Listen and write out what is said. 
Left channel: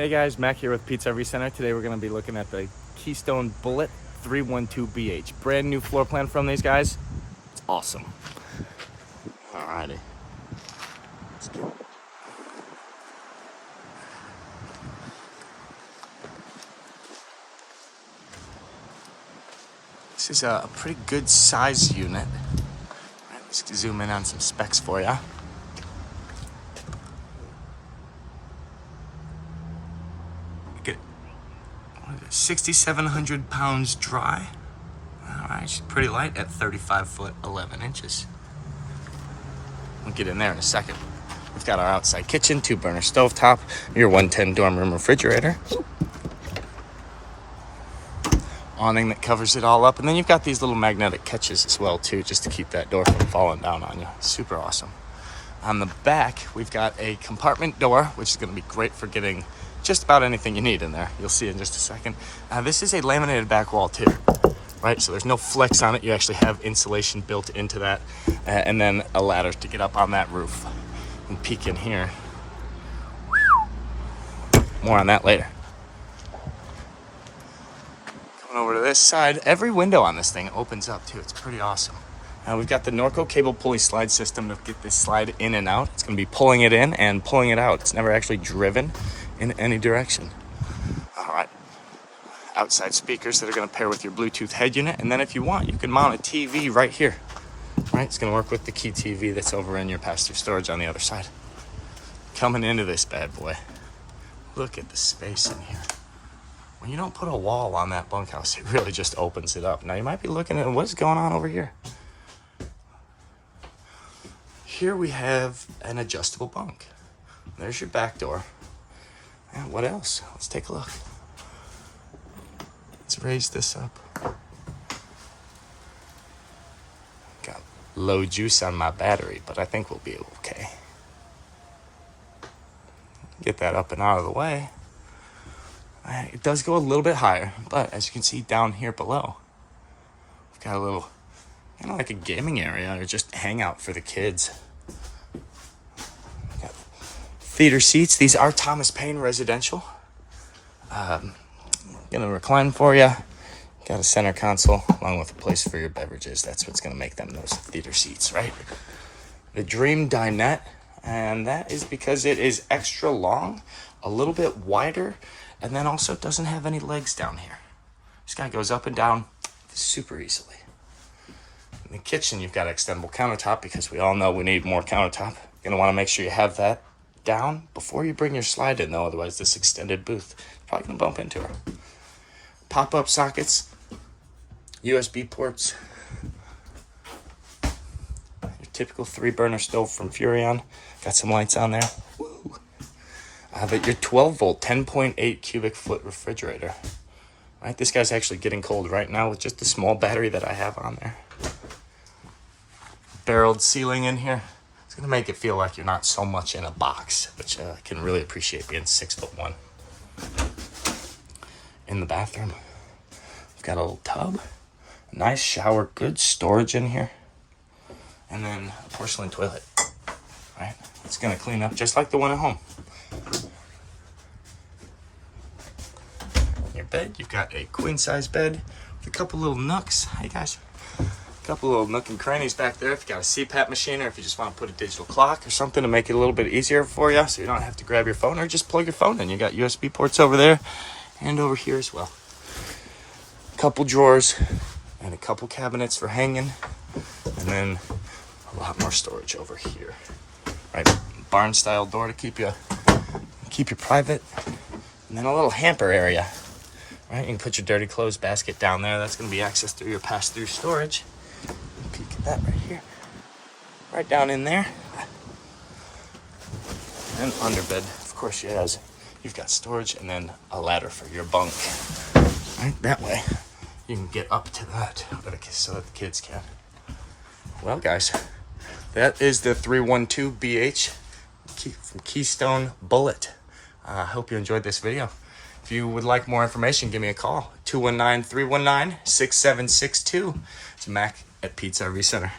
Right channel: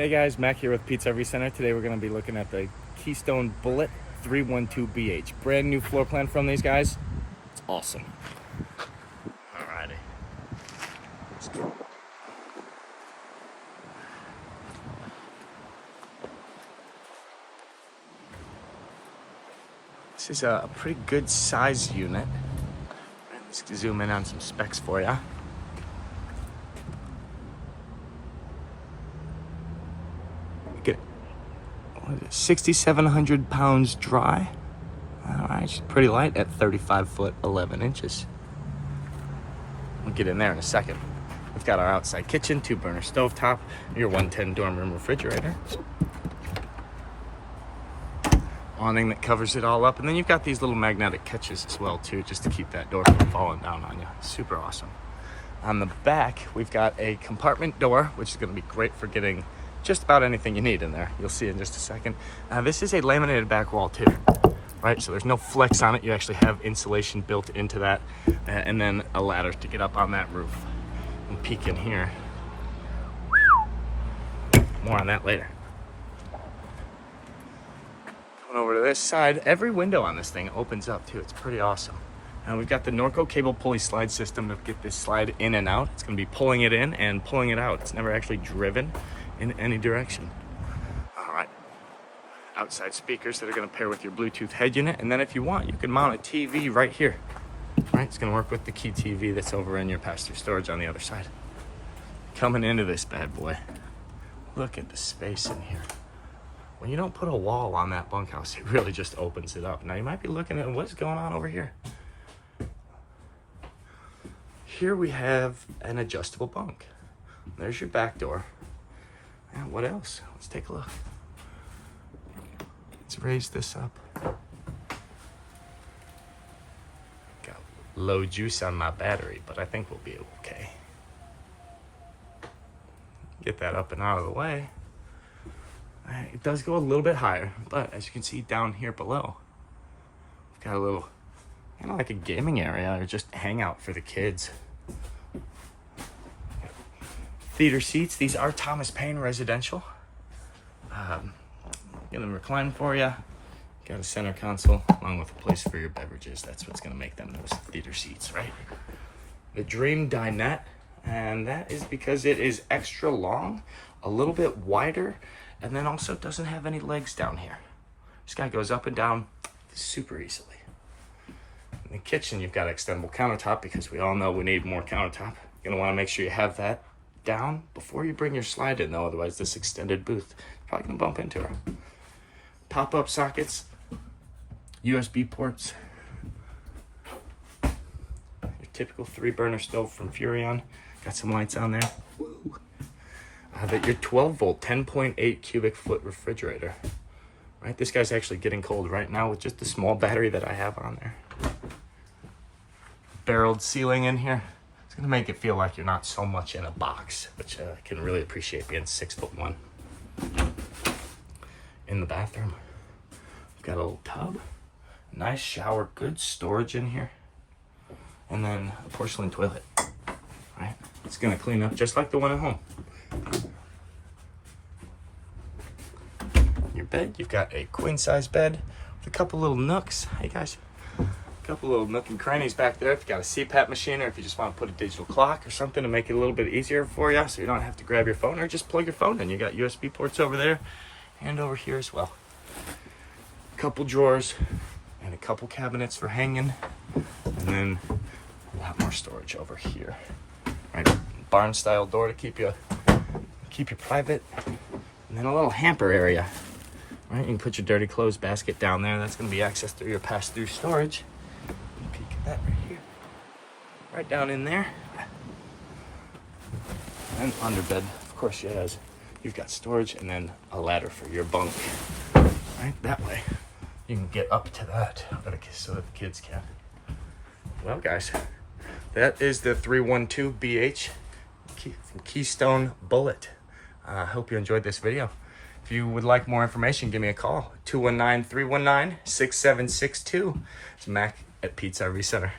Hey guys, Mac here with Pizza RV Center. Today we're going to be looking at the Keystone Bullet 312BH. Brand new floor plan from these guys. It's awesome. Alrighty. Let's go. This is a pretty good size unit. All right, let's zoom in on some specs for you. Look at it. 6,700 pounds dry. All right, it's pretty light at 35 foot 11 inches. We'll get in there in a second. We've got our outside kitchen, 2-burner stovetop, your 110 dorm room refrigerator, awning that covers it all up, and then you've got these little magnetic catches as well too, just to keep that door from falling down on you. Super awesome. On the back, we've got a compartment door, which is going to be great for getting just about anything you need in there. You'll see in just a second. This is a laminated back wall too, right? So there's no flex on it. You actually have insulation built into that, and then a ladder to get up on that roof. And peek in here. More on that later. Coming over to this side, every window on this thing opens up too. It's pretty awesome. We've got the Norco cable pulley slide system to get this slide in and out. It's going to be pulling it in and pulling it out. It's never actually driven in any direction. All right. Outside speakers that are going to pair with your Bluetooth head unit. And then if you want, you can mount a TV right here. Right, it's going to work with the key TV that's over in your pass-through storage on the other side. Coming into this bad boy, look at the space in here. When you don't put a wall on that bunkhouse, it really just opens it up. Now you might be looking at what's going on over here. Here we have an adjustable bunk. There's your back door. And what else? Let's take a look. Let's raise this up. Got low juice on my battery, but I think we'll be okay. Get that up and out of the way. It does go a little bit higher, but as you can see down here below, we've got a little, kind of like a gaming area or just hangout for the kids. Theater seats. These are Thomas Paine residential. Gonna recline for you. Got a center console along with a place for your beverages. That's what's gonna make them those theater seats, right? The Dream Dinette, and that is because it is extra long, a little bit wider, and then also doesn't have any legs down here. This guy goes up and down super easily. In the kitchen, you've got an extendable countertop because we all know we need more countertop. You're gonna wanna make sure you have that down before you bring your slide in though, otherwise this extended booth is probably gonna bump into her. Pop-up sockets, USB ports, your typical 3-burner stove from Furrion. Got some lights on there. Woo. But your 12-volt, 10.8 cubic foot refrigerator. Right, this guy's actually getting cold right now with just the small battery that I have on there. Barreled ceiling in here. It's gonna make it feel like you're not so much in a box, which I can really appreciate being 6'1". In the bathroom, we've got a little tub, nice shower, good storage in here, and then a porcelain toilet. Right, it's gonna clean up just like the one at home. In your bed, you've got a queen-size bed with a couple little nooks. Hey guys. Couple little nook and crannies back there if you got a CPAP machine or if you just want to put a digital clock or something to make it a little bit easier for you so you don't have to grab your phone or just plug your phone in. You got USB ports over there and over here as well. Couple drawers and a couple cabinets for hanging, and then a lot more storage over here. Right, barn style door to keep you private, and then a little hamper area. Right, you can put your dirty clothes basket down there. That's going to be accessed through your pass-through storage. Peek at that right here. Right down in there. And under bed, of course, you've got storage and then a ladder for your bunk. Right, that way you can get up to that so that the kids can. Well, guys, that is the 312BH from Keystone Bullet. I hope you enjoyed this video. If you would like more information, give me a call. 219-319-6762. It's Mac at Pizza RV Center.